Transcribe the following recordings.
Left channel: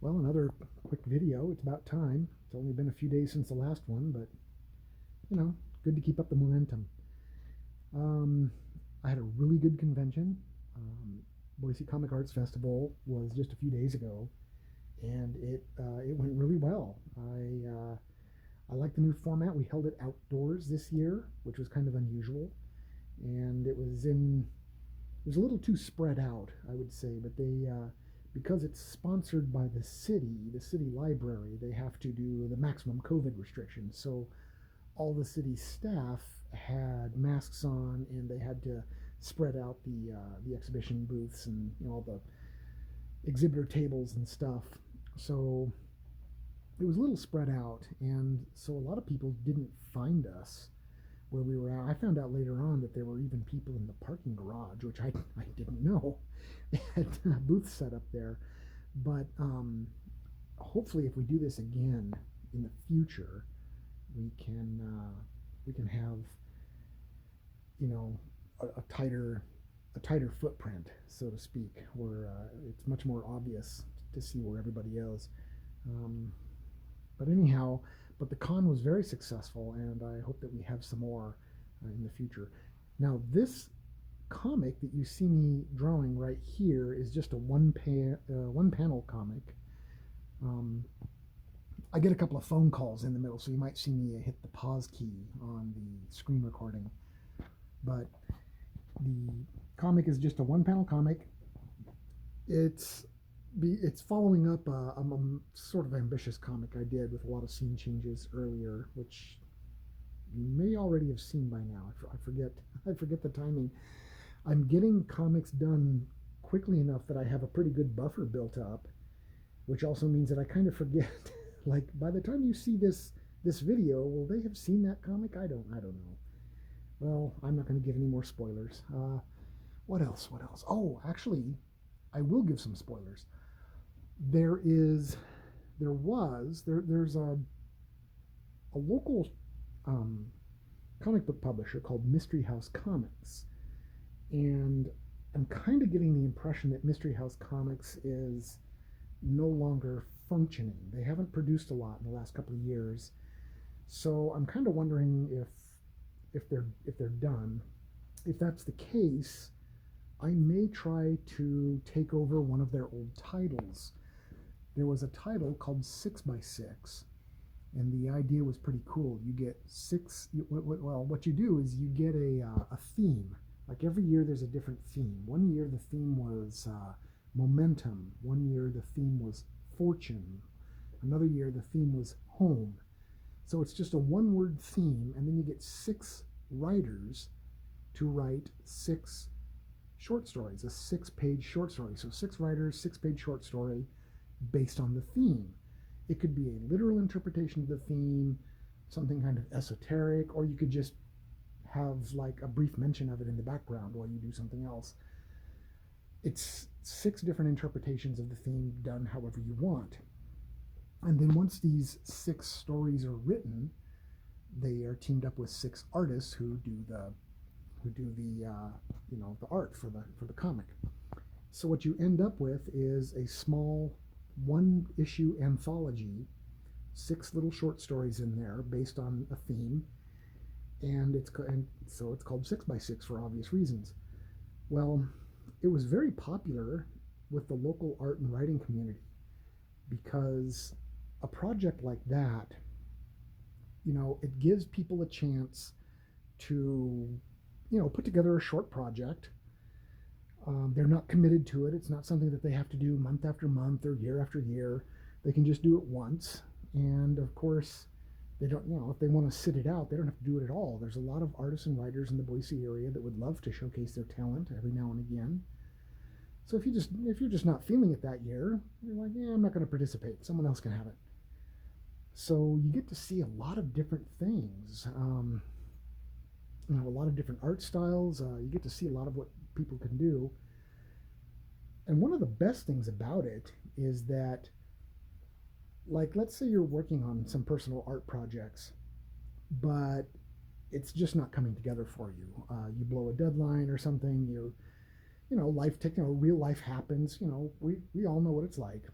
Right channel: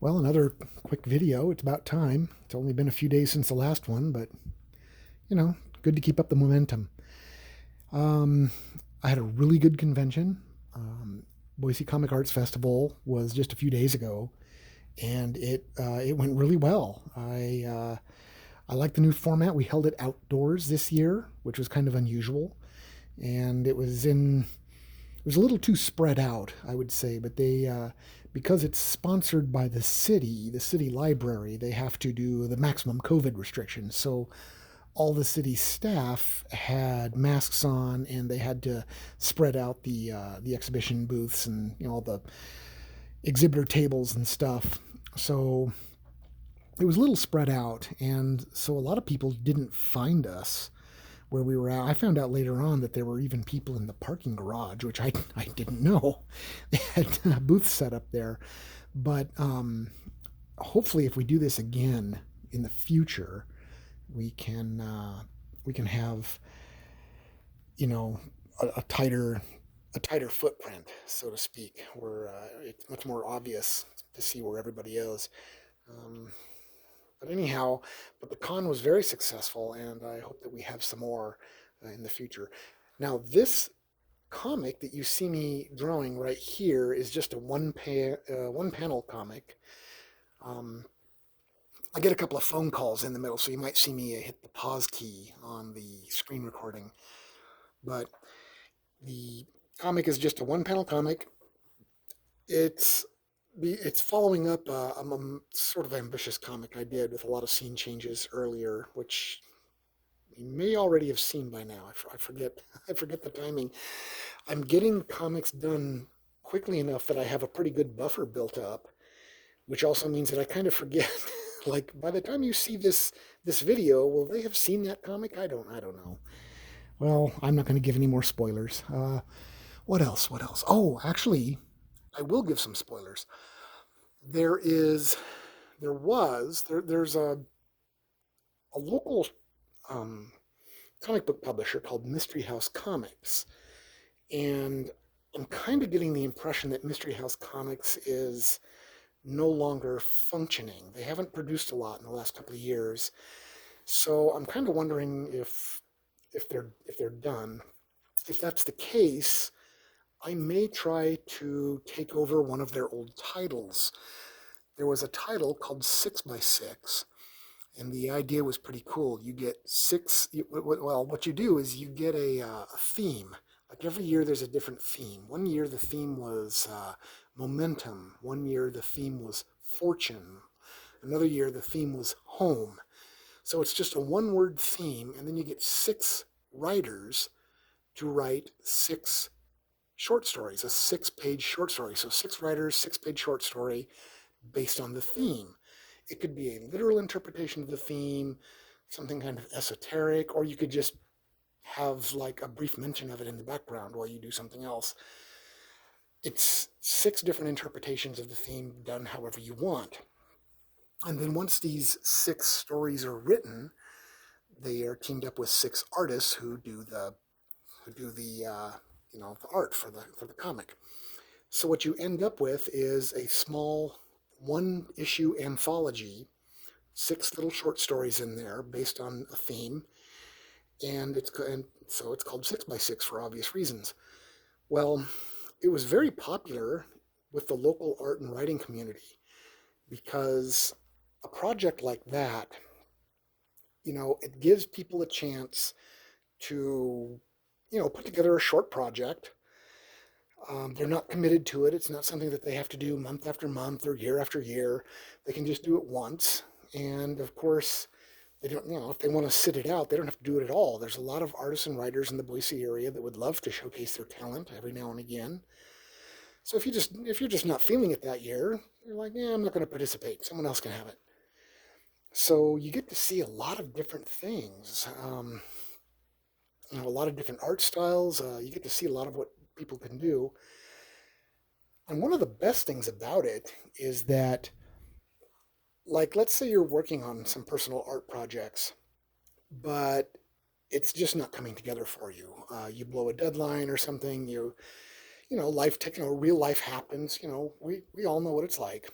Well, another quick video. It's about time. It's only been a few days since the last one, but you know, good to keep up the momentum. Um, I had a really good convention. Boise Comic Arts Festival was just a few days ago, and it went really well. I like the new format. We held it outdoors this year, which was kind of unusual, and it was a little too spread out, I would say. But because it's sponsored by the city library, they have to do the maximum COVID restrictions. So all the city staff had masks on, and they had to spread out the exhibition booths and all the exhibitor tables and stuff. So it was a little spread out, and so a lot of people didn't find us where we were at. I found out later on that there were even people in the parking garage, which I didn't know. They had a booth set up there. But hopefully, if we do this again in the future, we can we can have a tighter footprint, so to speak, where it's much more obvious to see where everybody is. Um, but anyhow, but the con was very successful, and I hope that we have some more in the future. Now, this comic that you see me drawing right here is just a one panel comic. Um, I get a couple of phone calls in the middle, so you might see me hit the pause key on the screen recording. But the comic is just a one panel comic. It's it's following up a sort of ambitious comic I did with a lot of scene changes earlier, which you may already have seen by now. I forget I forget the timing. I'm getting comics done quickly enough that I have a pretty good buffer built up, which also means that I kind of forget. Like by the time you see this video, will they have seen that comic? I don't know. Well, I'm not going to give any more spoilers. What else? What else? Oh, actually, I will give some spoilers. There is, there was, there's a local um, comic book publisher called Mystery House Comics, and I'm kind of getting the impression that Mystery House Comics is no longer functioning. They haven't produced a lot in the last couple of years, so I'm kind of wondering if they're done. If that's the case, I may try to take over one of their old titles. There was a title called 6 by 6, and the idea was pretty cool. You get six. Well, what you do is you get a theme. Like every year, there's a different theme. One year, the theme was momentum. One year, the theme was fortune. Another year, the theme was home. So it's just a one word theme, and then you get six writers to write six short stories, a 6 page short story. So six writers, 6 page short story based on the theme. It could be a literal interpretation of the theme, something kind of esoteric, or you could just have like a brief mention of it in the background while you do something else. It's six different interpretations of the theme done however you want. And then once these six stories are written, they are teamed up with six artists who do the art for the comic. So what you end up with is a small one issue anthology, six little short stories in there based on a theme, and so it's called 6 by 6 for obvious reasons. Well, it was very popular with the local art and writing community because a project like that, it gives people a chance to, put together a short project. They're not committed to it. It's not something that they have to do month after month or year after year. They can just do it once. And of course, they don't, if they want to sit it out, they don't have to do it at all. There's a lot of artists and writers in the Boise area that would love to showcase their talent every now and again. So if you're just not feeling it that year, you're like, yeah, I'm not going to participate. Someone else can have it. So you get to see a lot of different things. A lot of different art styles. You get to see a lot of what people can do. And one of the best things about it is that, like, let's say you're working on some personal art projects, but it's just not coming together for you. You blow a deadline or something. Life, real life happens. We all know what it's like.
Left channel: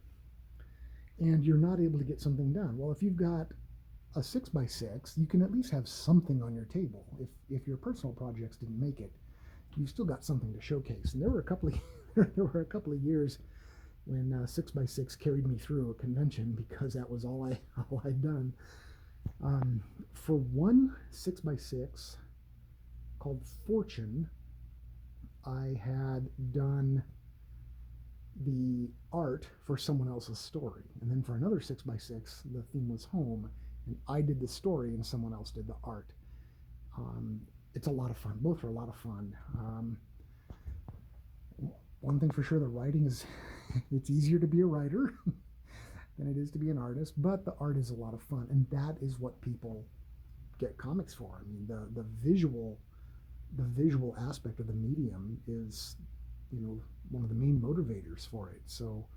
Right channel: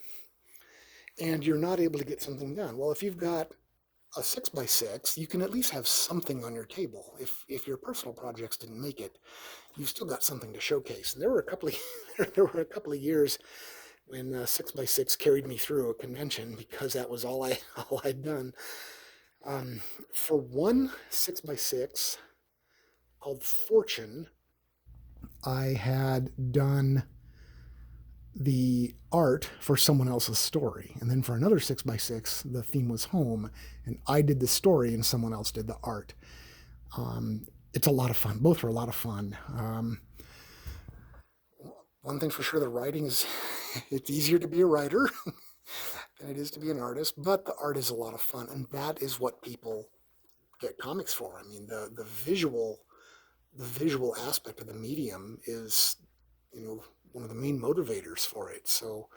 and you're not able to get something done. Well, if you've got a 6x6, you can at least have something on your table. If your personal projects didn't make it, you've still got something to showcase. And there were a couple of years when 6x6 carried me through a convention because that was all I'd done. For one 6x6 called Fortune, I had done the art for someone else's story. And then for another 6x6, the theme was home, and I did the story and someone else did the art. It's a lot of fun. Both were a lot of fun. One thing for sure, the writing is, it's easier to be a writer than it is to be an artist, but the art is a lot of fun, and that is what people get comics for. I mean, the visual aspect of the medium is, one of the main motivators for it. So,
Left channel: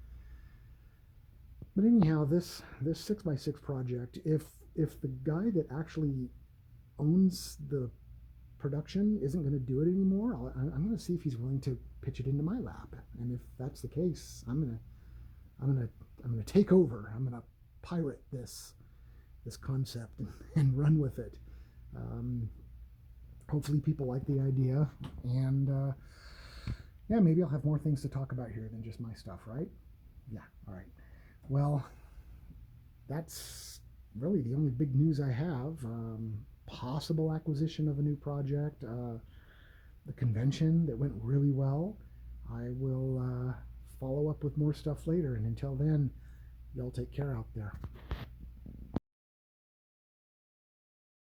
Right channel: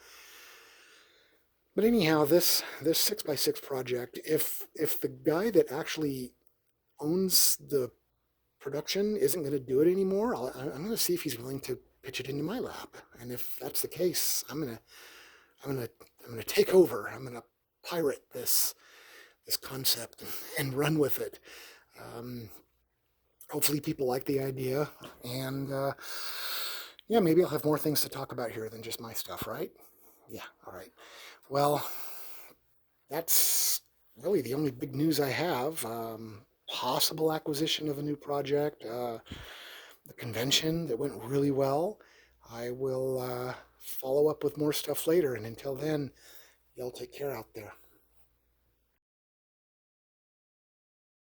but anyhow, this 6x6 project, if the guy that actually owns the production isn't going to do it anymore, I'm going to see if he's willing to pitch it into my lap. And if that's the case, I'm gonna take over. I'm gonna pirate this concept and run with it. Um, Hopefully, people like the idea, and yeah, maybe I'll have more things to talk about here than just my stuff, right? Yeah. All right. Well, that's really the only big news I have. Possible acquisition of a new project, the convention that went really well. I will follow up with more stuff later, and until then, y'all take care out there.